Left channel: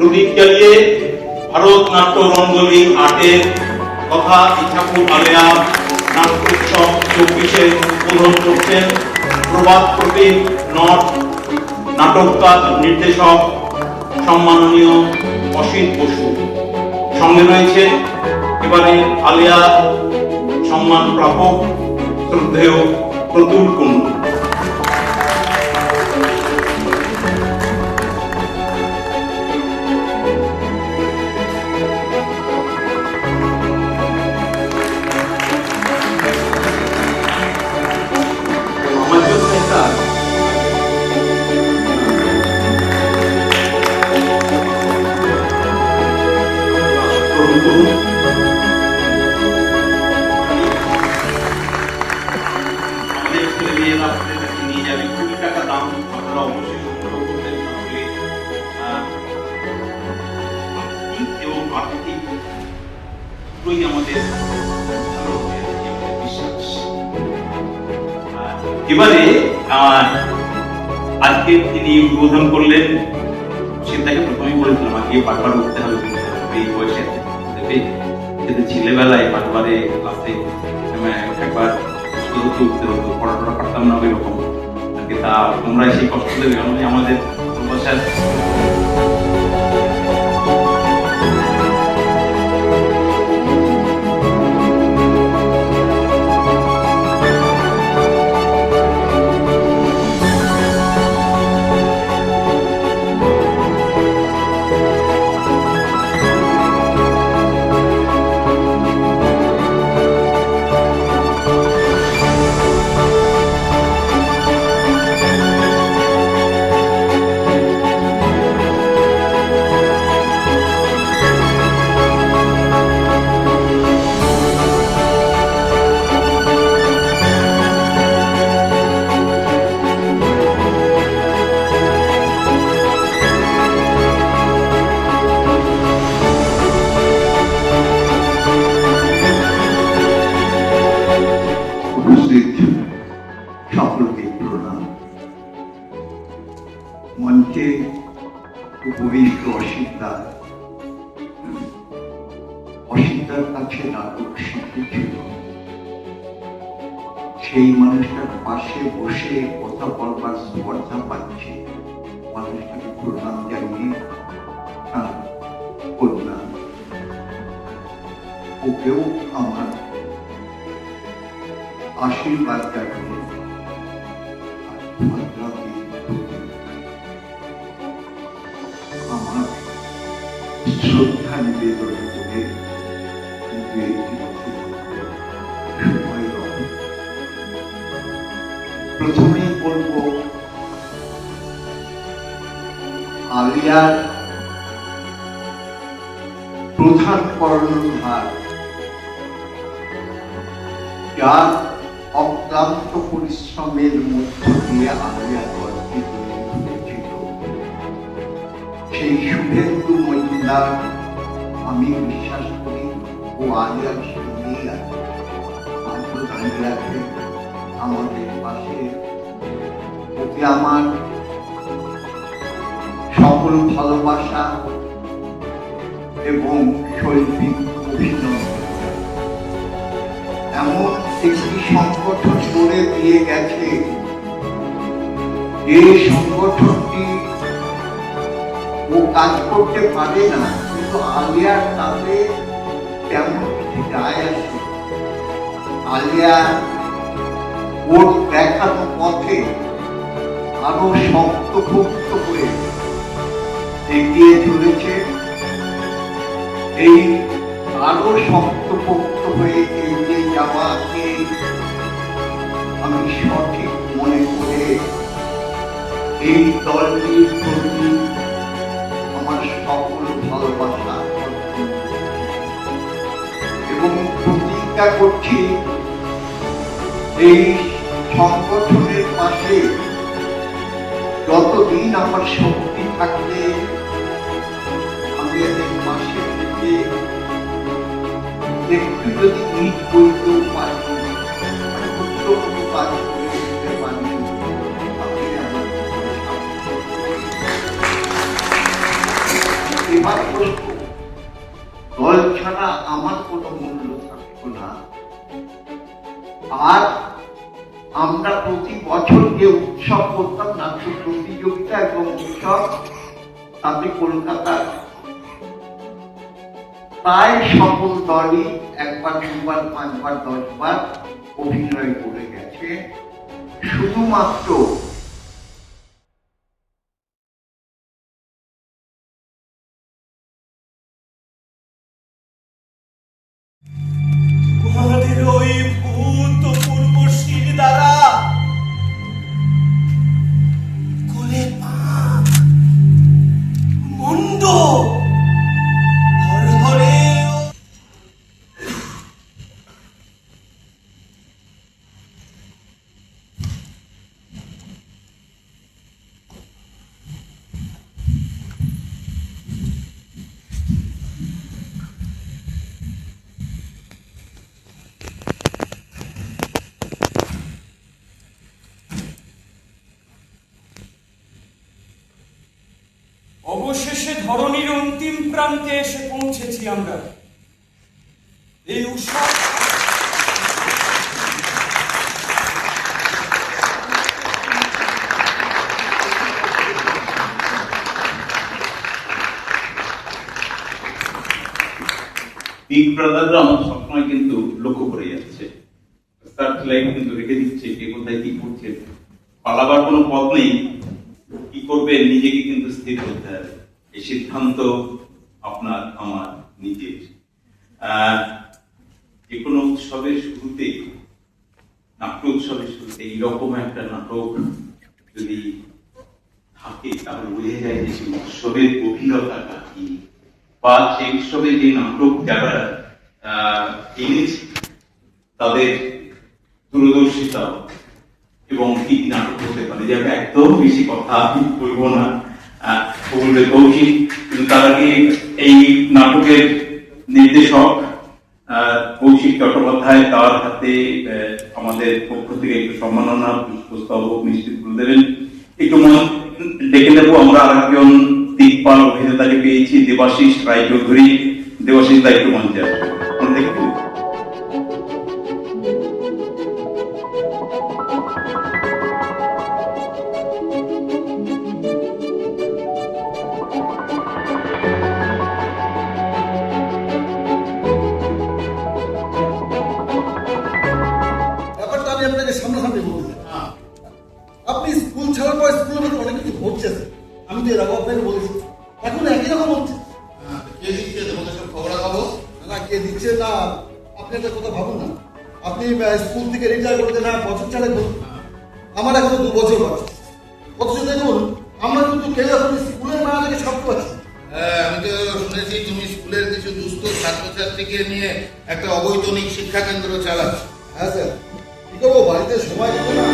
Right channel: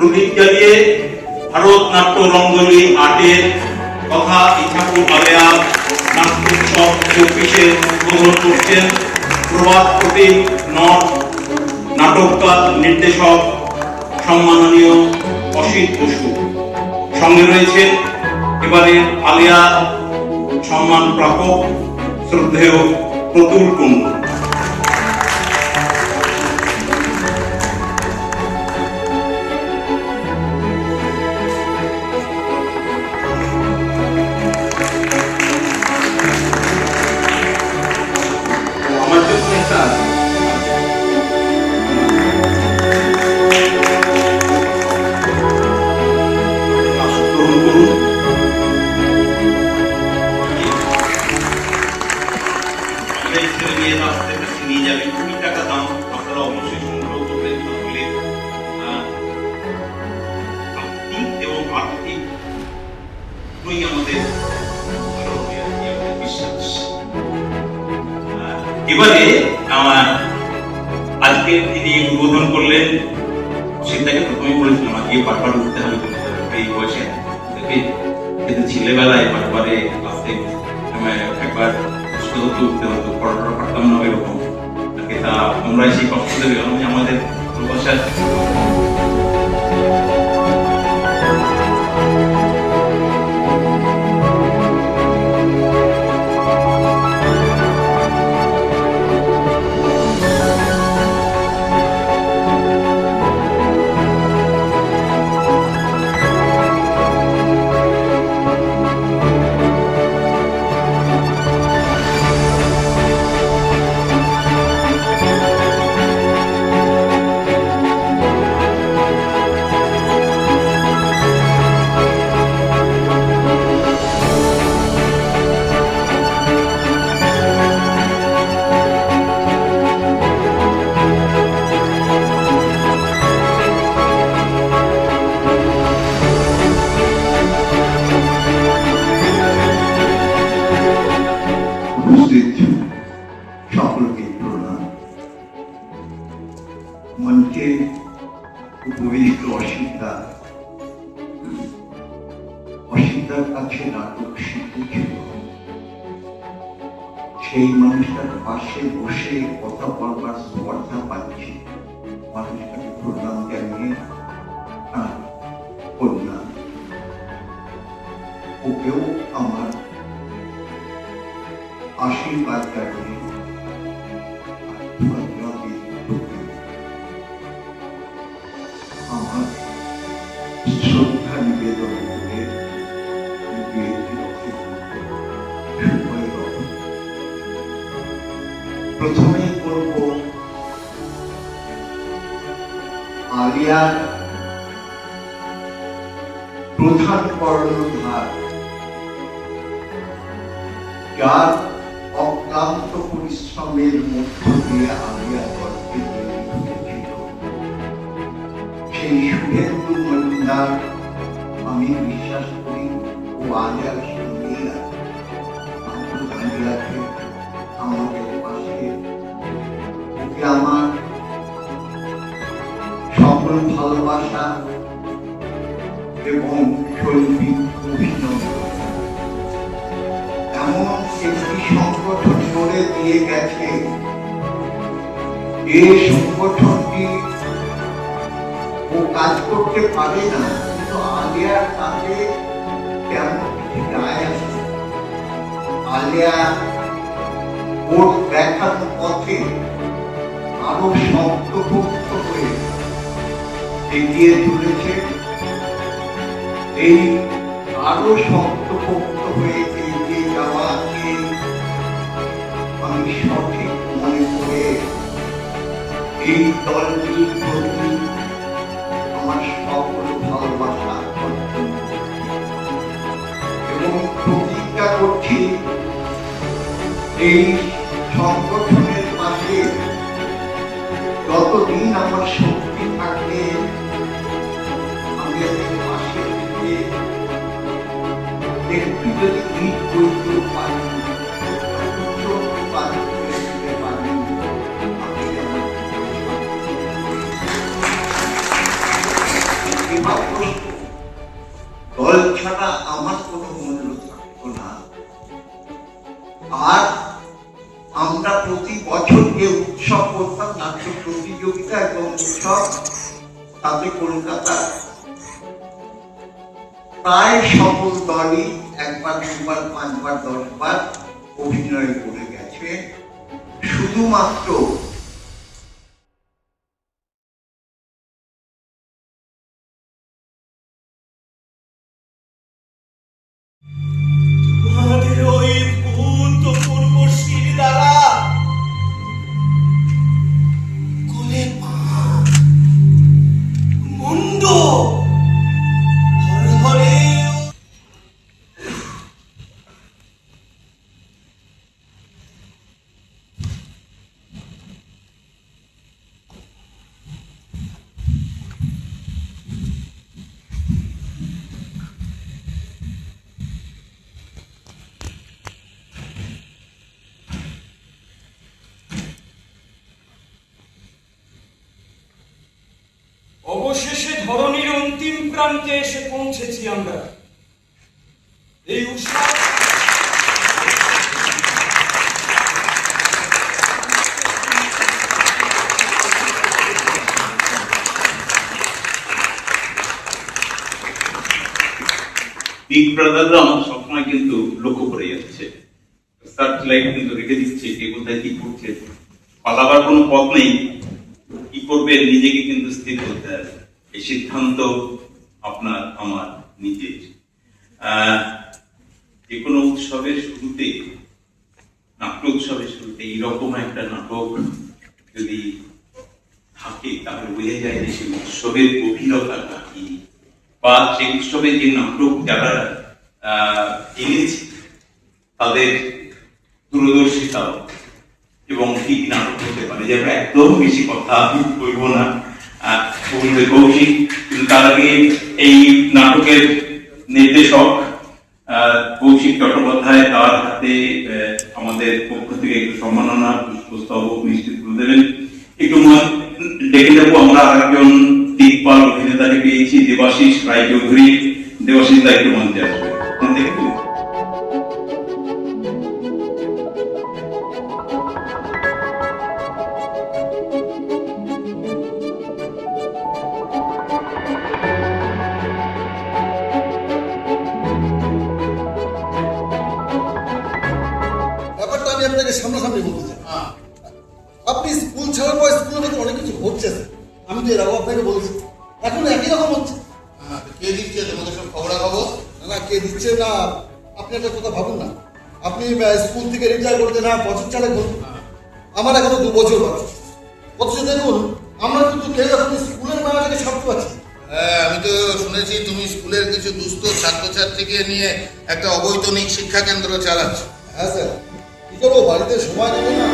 প্রদীপ জ্বালিয়ে ভারত নাট্য রঙ্গোলি আর্টের কথা ইথাকুর আলেয়া নাট্যোৎসব 24-এর উদ্বোধন করছেন প্রভাত প্রতীক নট নাটককার নির্দেশক সম্মাননীয় অসিত বসু। সঙ্গে রয়েছে এবারের আলেয়া সম্মান প্রাপক শ্রদ্ধেয় প্রতুল কুণ্ডু। এবারে আজকে তিনি উদ্বোধন করলেন, সেটাকে প্রথমে বলেছিলাম আজকে পাঠপাঠ করতে হবে এই বয়সে, কিন্তু ছেলেবেলায় পাঠপাঠে ক্লাসে একবার উঠতে হতো, পড়াশোনা পারতাম না এরকম আর কি। তা আমরা সেই কষ্ট দেবে আমাদের সকলকে প্রণাম। মঞ্চে উপবিষ্ট অসিতার কাছে নাটক শিখেছিল। সেই মানুষটার পাশে বসে কথা বলবার স্পর্ধা পাচ্ছি। মানুষটাকে প্রণাম জানিয়ে প্রণাম। ওকেও আমার আশীর্বাদ জানিয়ে আমার শ্রদ্ধা নিবেদন করে প্রথমেই বলব আলিয়ার প্রধান কর্ণধার, যার অক্লান্ত পরিশ্রমের মধ্য দিয়ে আলিয়া দলকে গড়ে তুলেছিল, সেই শুভেন্দু মজুমদার আমি বিশ্বাস করি ও আলিয়ার সঙ্গেই দাঁড়িয়ে আছে আমাদের পাশে। ওকে আমার সকল ভালোবাসা এবং শৈল্পিক অভিনন্দন। এমন একটি সংগঠন গড়ে দিয়ে গেছে, এই সংগঠনটি ও কাজ করতে পারে না, কিন্তু আলিয়ার তাতে তেমন কিছু যায় আসে। আলিয়া ওর দেখানো পথে আরো শক্তপোক্ত হয়ে এগিয়ে চলেছে। এই আরো শক্তপোক্ত হয়ে এগিয়ে যাওয়াকে আমি সঠিক মনে করে এই দলটির প্রতি আমার সকল ভালোবাসা এবং প্রতিজ্ঞা করছি এই সংগঠনের পাশে যতদিন আমার শক্তি থাকবে আমি এদের পাশে থেকে একটু যদি ইট করতে পারি, আর আমরা প্রতি বছর যে উৎসব করতাম, নাট্য প্রতিযোগিতা এবং উৎসব, তাতে কলকাতার প্রায় সকল দলই একবার, দুবার, পাঁচবার, 10বার অভিনয় করে গেছে। শুধুমাত্র তোমাদের ওই ভূতপূর্বশীর দ্বারা কোলে পাক মুন্ড হরহরে অবশেষে ধরণীর অন্তিম প্রান্তে এসে পৌঁছেছি আমরা। এই উৎসব বিগ ব্রাদাররা আমাদের সবসময় কিন্তু লক্ষ্য করে যাচ্ছে, সার্চ লাইট কিন্তু রেখে দিচ্ছে কে কোথায় কি করছে। পালাবার কোনো পথ নেই, কি করবে নিজেকে কিন্তু স্থির করতে হবে। এই সিদ্ধান্ত আপনার আমার নিজের। যে কোনো উৎসবের শুরুতে, নাট্য উৎসবের শুরুতে এইরকম একটা নাটক যদি থাকে তাহলে বোঝা যায় যে সেই উৎসবের গভীরতাটা কি, বা সেই উৎসবে যে নাটক যারা এনেছে তাদের দূরদর্শিতাও এবং কি নাটক হতে পারে। যে একদম বেশি কথা আমি বলবো না, কৌশিক, তার আগে এই নাটকের নির্দেশক কৌশিক চট্টোপাধ্যায়, তার হাতে আমাদের পক্ষ থেকে একটু সম্মাননা পুষ্পস্তবক নিশ্চিত করে দেবেন। একটু ডেকে দেবো আমরা আর একজন দিকপাল অভিনেতাকে পেয়েছি, দেবাশিস রায়চৌধুরী। দেবাশিস দায়িত্ব মঞ্চে দেখবো। ব্যাপারটা আমি আপনাকে সামনাসামনি বলতে চাই। আপনি স্কুল ছাড়ার পর স্কুলের মধ্যে অনেক কিছু ঘটছে স্যার। আমি তো এর আগেও আপনাকে বলেছি, এখন একই রকম হচ্ছে। কে দিচ্ছে তোমাদের সব খবরাখবর? না কে দিচ্ছে না, আপনি একটা কথা ভাবুন না। আপনি স্কুল থেকে রিটায়ার করেছেন, হ্যাঁ বছর চারেক হল, আমার এখনো 2 বছর বাকি। অথচ দেখুন আমরা কিন্তু কেউ এখন স্কুলের মেলা থেকে ছাড়তে পারছি না। হ্যাঁ, আমি তো শুনেছি তুমি স্কুলের কিছু দুস্থ ছাত্রছাত্রীকে নিয়ে একটা অবৈতনিক শিক্ষা কেন্দ্র চালাচ্ছ। হ্যাঁ স্যার, কি করবো, বাড়িতে সময় দেবে না।